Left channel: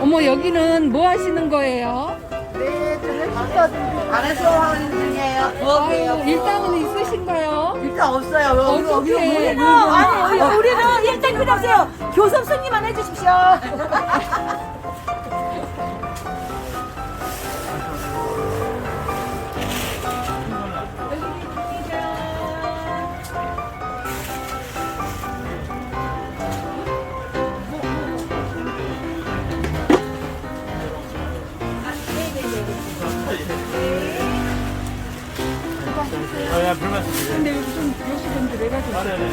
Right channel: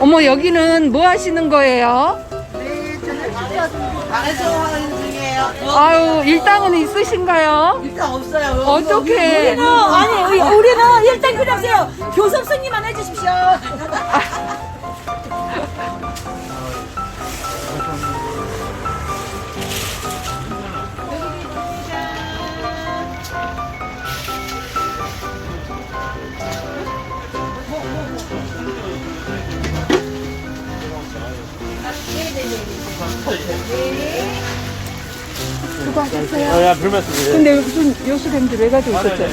어머 여기는 뭐 하시는 거예요? 안에서 하는 중이에요. 아유 일당은 있으신가요? 일단 없어요. 어떻게? 아니 우리, 우리는 일단 필요 없어요. 교섭 승리만 해주십시오. 근데 무슨 요수ben지 왜 가지고 있었죠?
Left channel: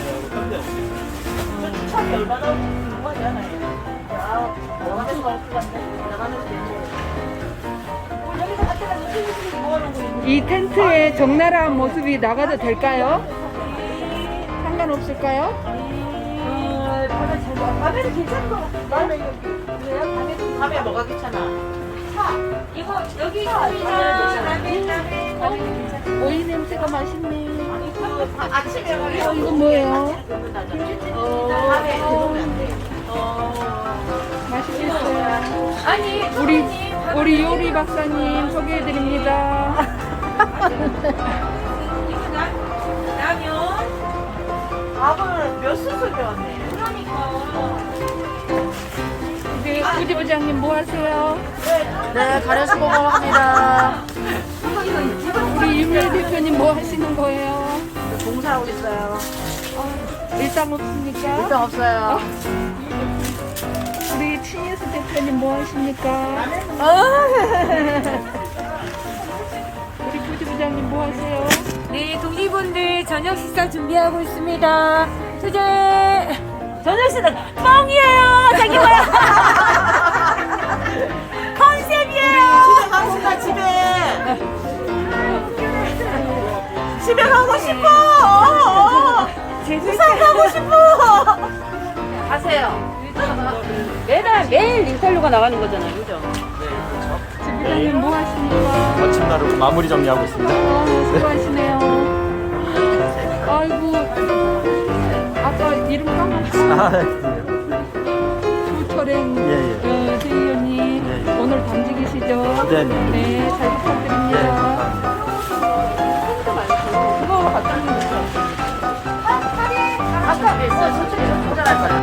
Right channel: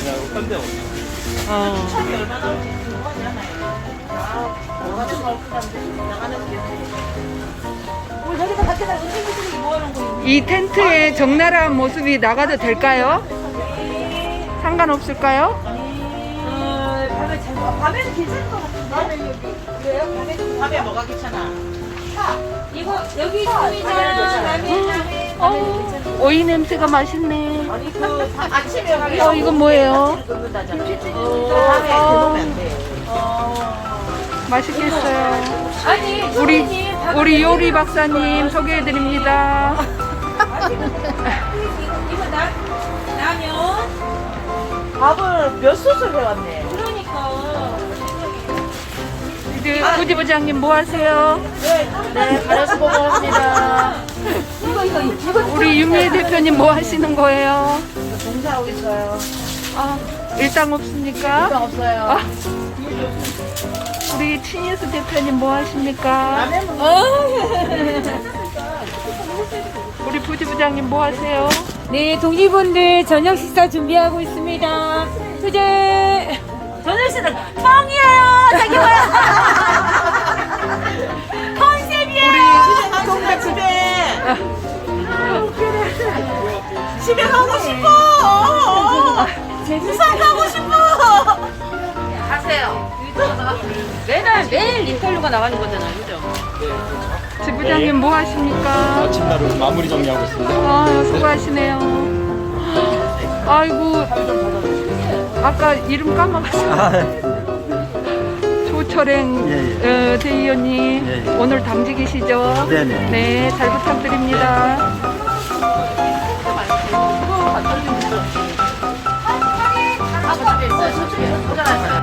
이 텐트에 적나라한 모습이 나가도 될까요? 상관없을까요? 밤에는 괜찮은 것 같은데. 왜요? 밤에 밤에 뭐가 귀찮아? 이거 여기 있으면 어, 오이 냄새가 맛있네. 아침에 어, 이건 뭐예요? 김치찌개입니다. 맛있겠어요. 우리 우리 요리 박사님 소개해 드립니다. 이거 나 라면 밥을 몇 솥을 배웠네. 그러니까 이제 부지 부장님 뭐 하세요? 네, 가려수공을 합니다. 우리 유미 대표님 뭐 하시는 거예요? 봉사하고 있어요. 아, 일당 없습니까? 일단 없어요. 아, 우리 친예수 대표님 뭐 하십니까? 우리 부지 부장님 뭐 하세요? 네 독립분들 저녁 식사 준비하고 있습니다. 투제 저녁 식사 집에 가고 싶어. 부산 가고 싶어. 가세요. 매달 매일 인터뷰가 나가는 거잖아요, 그죠? 지부장님 뭐 하십니까? 마침 나르고 마무리 정리하고 있습니다. 아, 수고하시네요. 아이고, 아까 이름 까먹었어요. 아, 조 철행 예, 어, 대의원님 예, 예. 오늘 당직이시죠? 네네. 네, 잘 부탁드립니다. 감사합니다.